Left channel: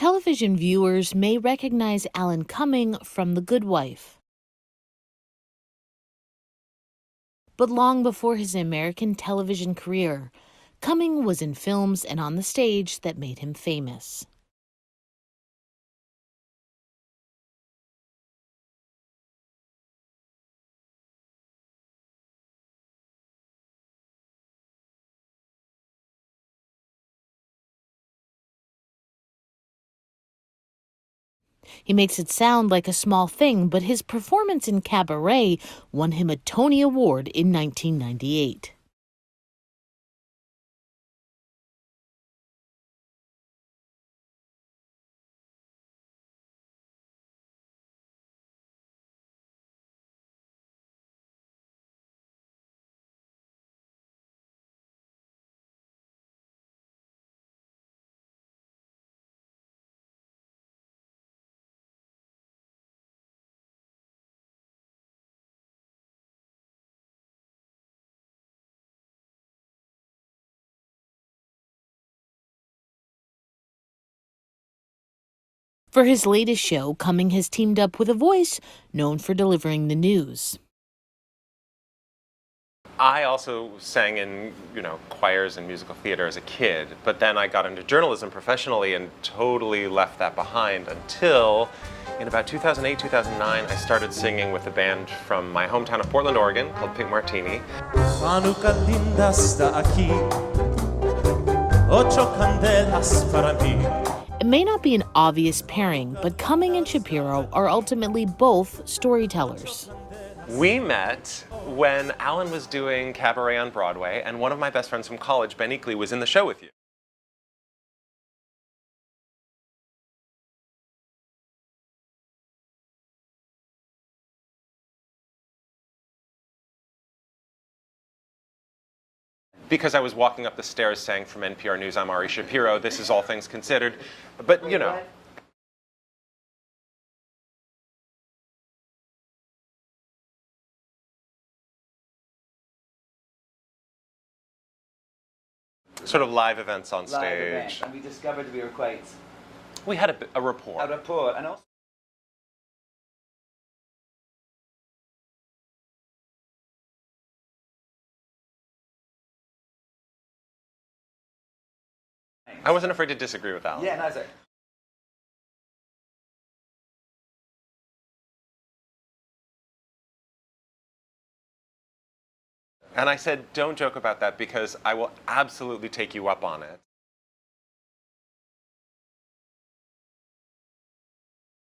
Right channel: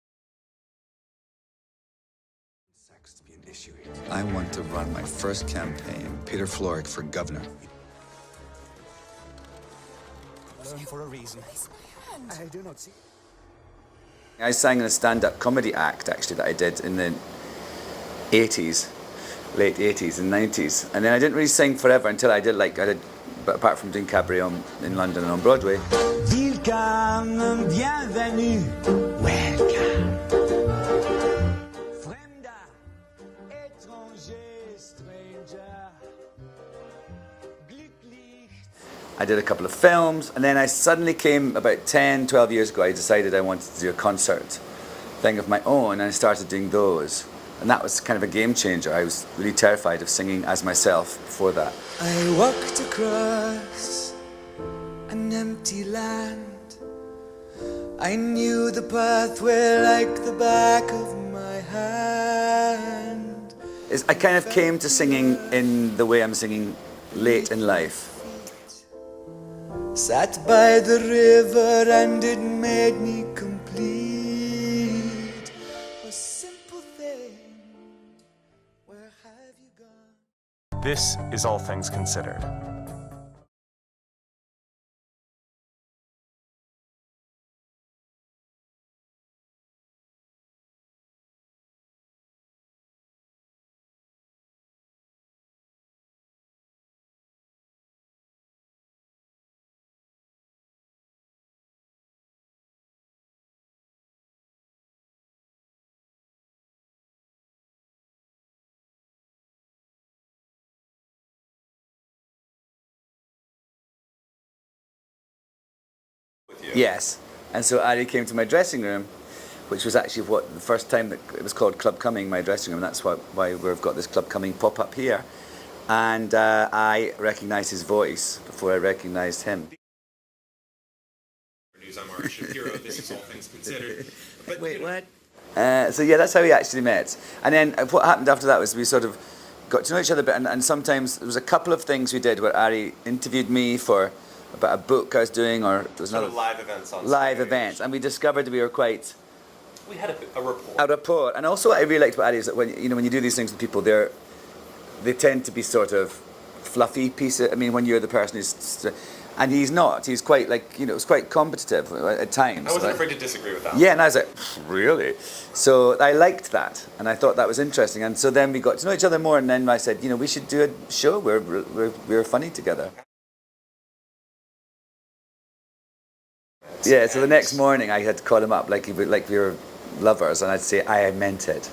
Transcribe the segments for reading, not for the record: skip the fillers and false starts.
Television viewers may recognize Alan Cumming from The Good Wife. I want to run my first campaign, Peter Florrick for governor. But long before his American television career, Cumming was in films and on the stage that made him famous. I sang in a stand-up comedy act, actually, that I did in the 80s, late 80s and 90s. And then I didn't really sing forever until I did, but apart from doing cabaret in London and on Broadway. Welcome, bienvenue, welcome. He makes it sound like a small thing, but his performance in Cabaret won him a Tony Award in 1998. I did a couple of films, and then I suddenly came, about 10, 12 years ago, I decided I wanted to do a concert thing of my own, and I started doing those. And that was kind of a game changer. I was really terrified of singing as myself before that. I walked across an empty land. I knew the pathway like the back of my hand. I kind of came to singing in the way I'm singing late in life. Sat by the river and it made me complete. For his latest show, Cumming has teamed up with a voice known for delivering the news. This is All Things Considered. I also sang in, choirs and musical theater as a kid, but then I got into journalism professionally and totally left that behind until in about 2008, 2009, I started singing with a band from my hometown of Portland, Oregon called Pink Martini. It may not be an obvious pairing, but Cumming and Shapiro are ultimately both storytellers. We met when Alan was doing Cabaret on Broadway, and one of my best friends from college, Ben Eakley, was in the show with you. Yes, and so Ari came to my dressing room, which was actually the first time that it was called Club Cumming, my dressing room, and that's why we've got this Club Cumming pop-up here. And I recognized his voice before I recognized him. Because I was walking up the stairs saying from NPR News, I'm Ari Shapiro, this is All Things Considered. But, So yeah, that's how we actually met. And then what happened after that was we sort of got to know each other a bit, and sometimes there was a couple of things we did where Ari interviewed me about a book I was doing, or sort of live events on stage. Live events, and we discovered we were quite... We had a rapport. A rapport, and also what I really liked about Ari is that when you do these things with people, they tend to be sort of fluffy pieces. I mean, when you're the person who's... And he's not. He's quite it's quite competitive at times. I wasn't afraid to disagree with that. Yeah, and I was like, really? So I liked that, and I thought that was interesting. And so then we got to know each other more, and then I said, we should do a show where we're funny together. And I said, don't joke about that because I will absolutely take you up on it. Yeah, so the next morning I had to call him up like we were lovers, and I'd say, I meant it.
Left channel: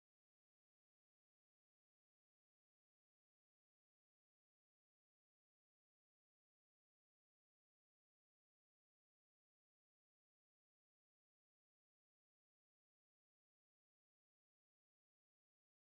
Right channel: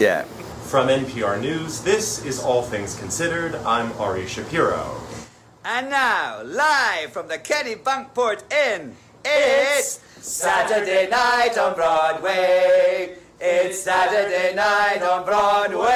Yeah. From NPR News, this is All Things Considered. I'm Ari Shapiro. And now, live from the Kennebunkport Inn, it's Saturday night on Broadway. It's Saturday night on Broadway.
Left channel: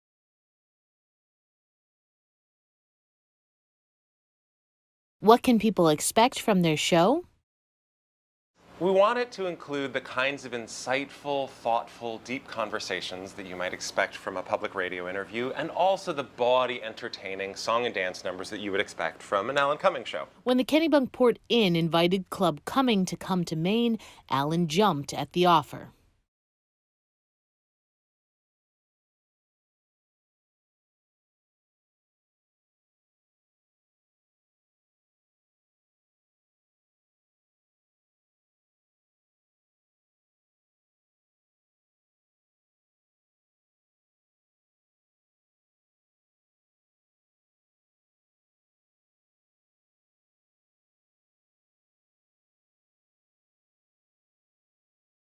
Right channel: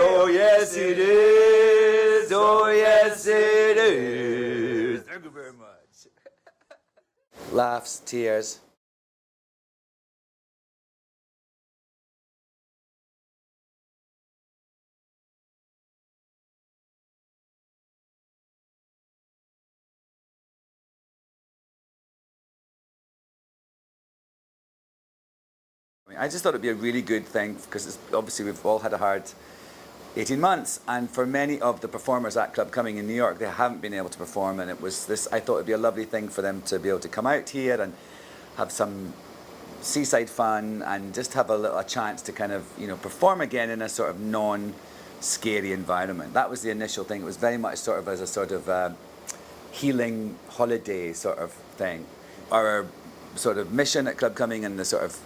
Oh, yes, it is. Oh, yes, it is. What can people expect from their show? Laughs, tears. We want it to include the kinds of insightful, thoughtful, deep conversations that you might expect from a public radio interview, and also the bawdy, entertaining song and dance numbers that you would expect from an Alan Cumming show. When the Kennebunkport Inn invited Club Cumming to come to Maine, Alan jumped at the offer. I just thought it'd be a really good thing, because obviously we've all had a hard 18 months, and for many of the performers at Club Cumming in New York, they haven't been able to perform, and it was this. I thought it'd be a lovely thing for them to be able to come out here and have some seaside fun and just have a chance to kind of, perform again in a sort of non-scary environment. That was the initial thing. It was very much sort of as a sort of healing holiday sort of thing. Our sort of mission at Club Cumming and the sort of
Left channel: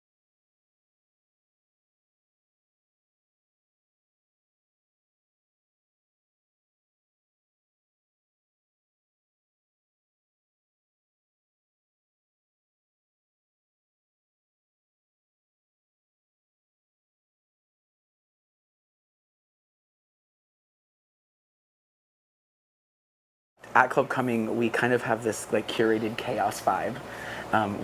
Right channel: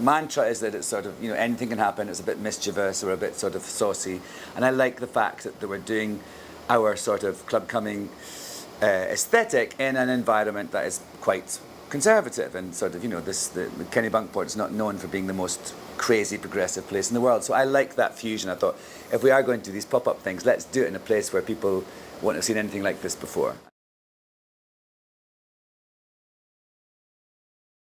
mantra is that it's sort of, anything can happen. It's a bit mischievous or a bit sort of saucy. And I like the fact that we're doing our sort of Club Cumming aesthetic in an environment that is quite conservative, and sort of, the Kennebunkport is not known for being the most crazy progressive place in the world. So I like that fusion. I thought, if we are going to do these pop-up things, let's do it in a place where people won't have seen anything like this before. At Club Cumming, we kind of have this curated chaos vibe,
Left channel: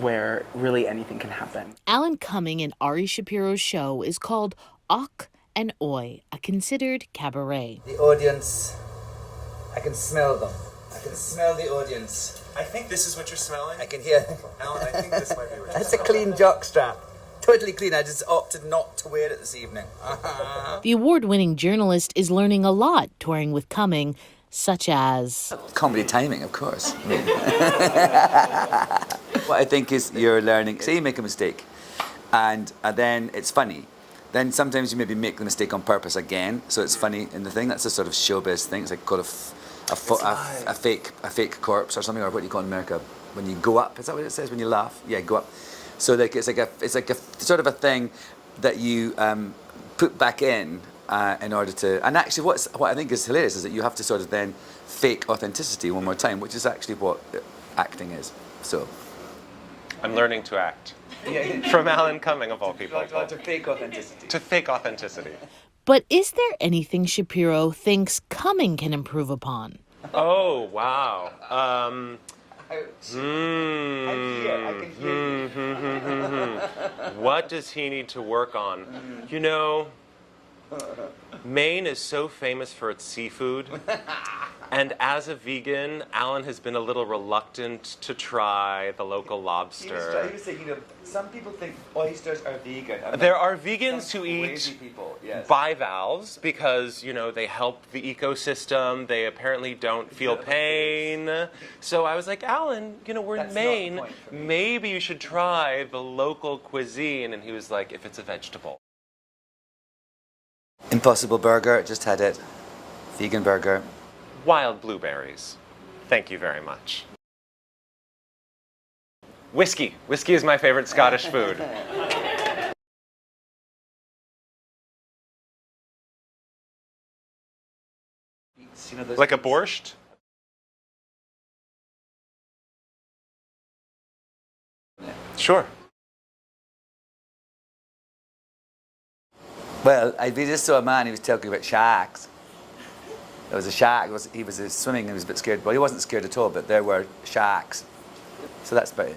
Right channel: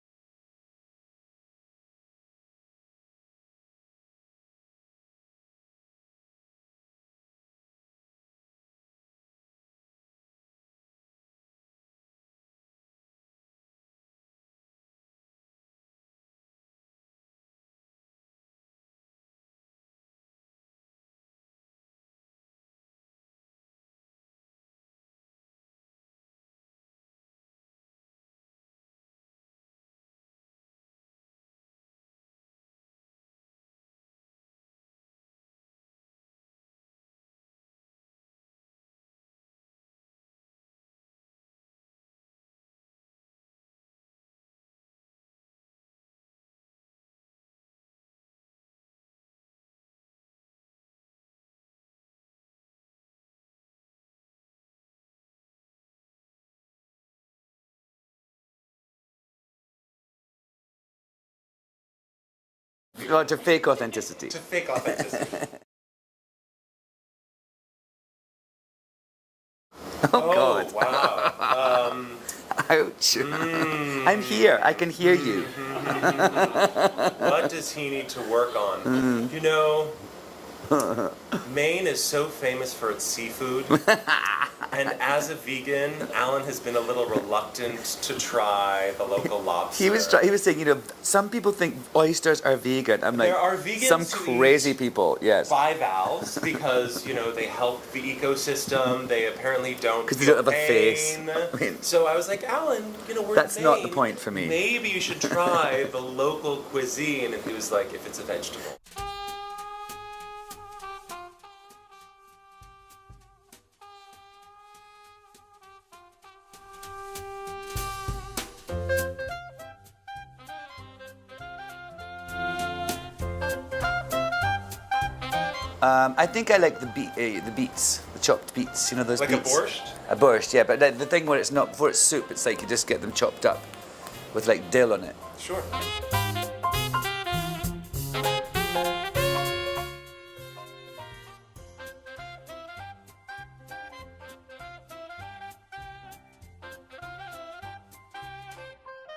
where really anything can happen. Alan Cumming and Ari Shapiro's show is called Och and Oi, a considered cabaret. The audience, I can smell them. I can smell the audience. I think this is what you're smelling. I can hear. Alan, I think this might be what you're That's a clean jockstrap. Totally clean. I just opted not to wear it this evening. The award-winning journalist is learning a lot touring with Cumming, such as Comedy timing, of course. What I think is you're learning, say you make a mistake, and then it's funny. Then sometimes you maybe make the mistake on purpose again, so it's funny in the thing. That's a sort of showbiz thing. It's like called a fake corpse or something, or what do you call it in America? When you go up, is that what it says when you laugh? Yeah, go up. So like it's like a sort of a thing that you put back in order to. And actually, what I think is hilarious is that you have to sort of then fake authenticity one more time, which is actually what acting is. So I'm learning to act. From Alan Cumming, of all people. well, to fake authenticity. To fake authenticity. But is there anything Shapiro thinks Cumming can improve upon? Oh, wow. Ouch. I'm here. I can hear you. What does he need to work on? You know, Maine is so famous for its seafood. And as a vegan, Alan has been a little reluctant to try the local lobster. He was saying, you know, some people think oysters are vegan. I'm There like, are vegans some who crazy eat people, yes. bivalves because, you know, they help the ecosystem. They apparently don't 'Cause they feel don't have a face. pain. I mean, So I was like, Alan, you know, we're That's in not Maine. the point for me. Maybe you should try the local cuisine. And he was like, if it's a vegetable. Impossible Burger, just had it. Vegan burger. Wild blueberries. Thank you very much. Whiskey. Whiskey is my favorite Scottish food. I think I like the beets, the chopped beets. You know those. Like beets? a borscht? A borscht, yeah. But the thing where it's not before it's soup, it's like you just get them chopped up with like dill on it. Sure. Well, we just saw a man. He was talking about sharks. There was a shark. He was swimming and he was a bit scared. Well, he wasn't scared at all, but there were sharks. So that's about it.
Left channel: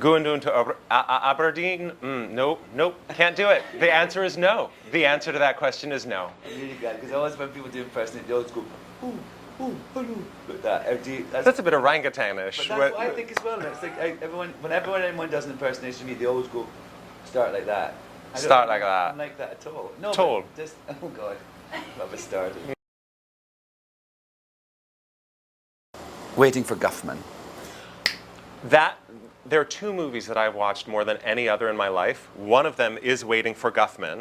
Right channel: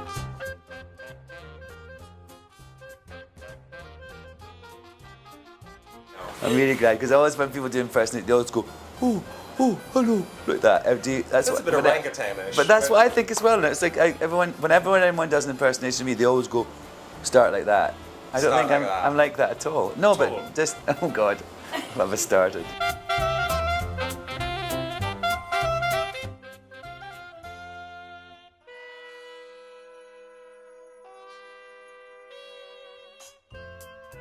Going down to Aberdeen? Nope, can't do it. The answer is no. The answer to that question is no. I'm really glad because always when people do impersonate, they always go, oh, hello, like that. That's a bit orangutanish. But that's what I think as well. And it's like whenever anyone does an impersonation of me, they always go, start like that. I don't think I'm like that at all. No, Told. but just, oh God, what have I started? Waiting for Guffman. There are two movies that I've watched more than any other in my life. One of them is Waiting for Guffman,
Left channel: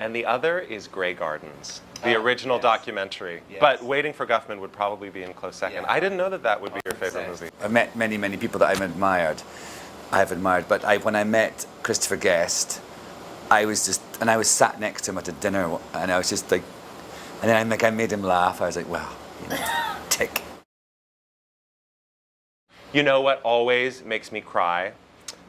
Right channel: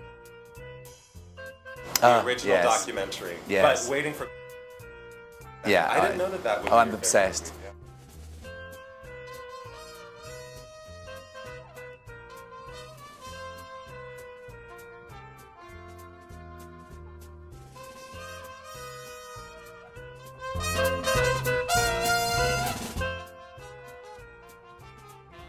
and the other is Grey Gardens, the original yes. documentary. Yes. But Waiting for Guffman would probably be in close second. Yeah, I didn't know that would be I'm your obsessed. favorite movie. I've met many people that I've admired. But when I met Christopher Guest, I was sat next to him at a dinner, and I was just like, and then I made him laugh. I was like, well, you know, tick. You know what always makes me cry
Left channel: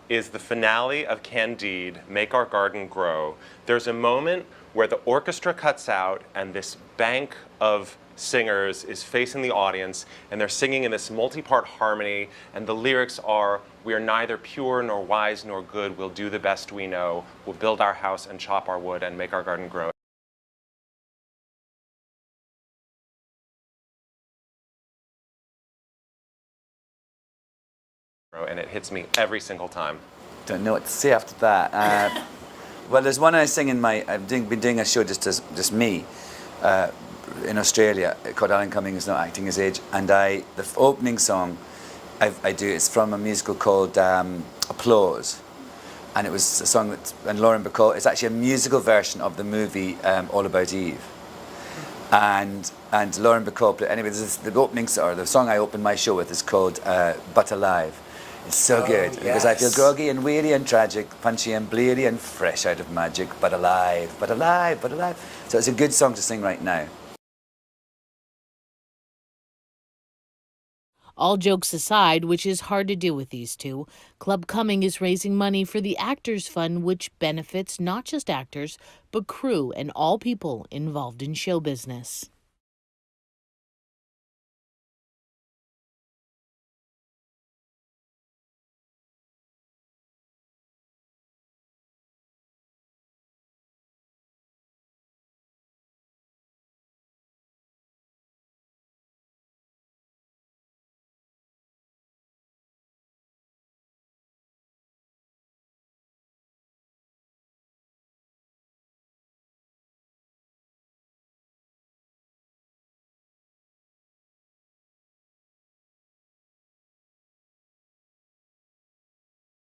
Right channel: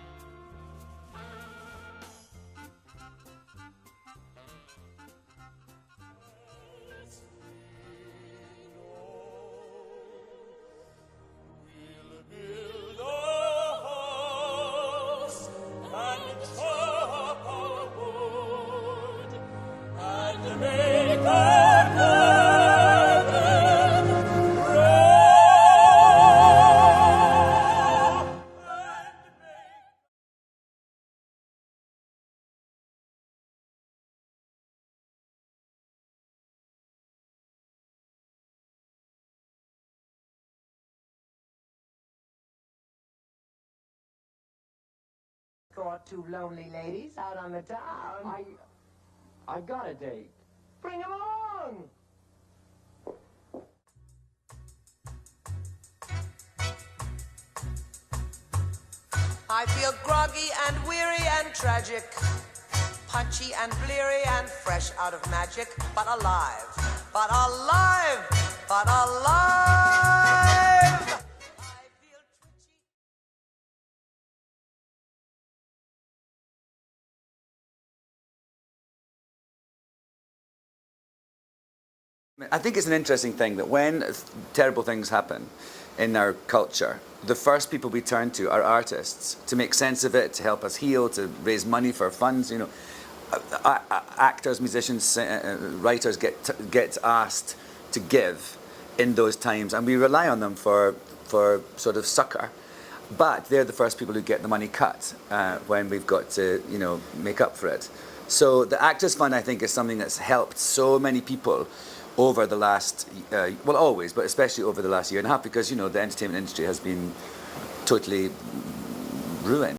is the finale of Candide, Make Our Garden Grow. There's a moment where the orchestra cuts out and this bank of singers is facing the audience and they're singing in this multi-part harmony and the lyrics are, we are neither pure nor wise nor good, we'll do the best we know, we'll build our house and chop our wood and make our garden grow. And it hits me every single time. Don't know what to say after that. Well, there's one I sing in I've been doing a show just me in Australia called Alan Cumming is Not Acting His Age, and the opening song I do, it's from a musical called Applause, and it was a song and Lauren Bacall, it's actually a musical version of the movie All About Eve. And Lauren Bacall, anyway, the opening, or the song I opened my show with is called But Alive. It's so good because I feel groggy and weary and tragic, punchy and bleary and fresh out of magic, but alive, but alive, but alive. So it's a good song to sing right now. But alive, but alive. All jokes aside, which is hard to do with these two, Club Cumming is raising money for the Actors Fund, which benefits not just actors, but crew and all people involved in show business. I think it's an interesting thing that when terrible things happen in our culture, the first people we turn to are artists to make sense of it, to help us heal, to raise money for funds. You know, actors, musicians, writers get asked to give in those times, and we rely on them for sort of succor. But they're the first people who get the money cut when we've got to, you know, make up for it. So the Actors Fund, I think, is something that's helped so many people over the last, well, always, but especially over the last year and a half, because, you know, the entertainment industry has been totally ruined.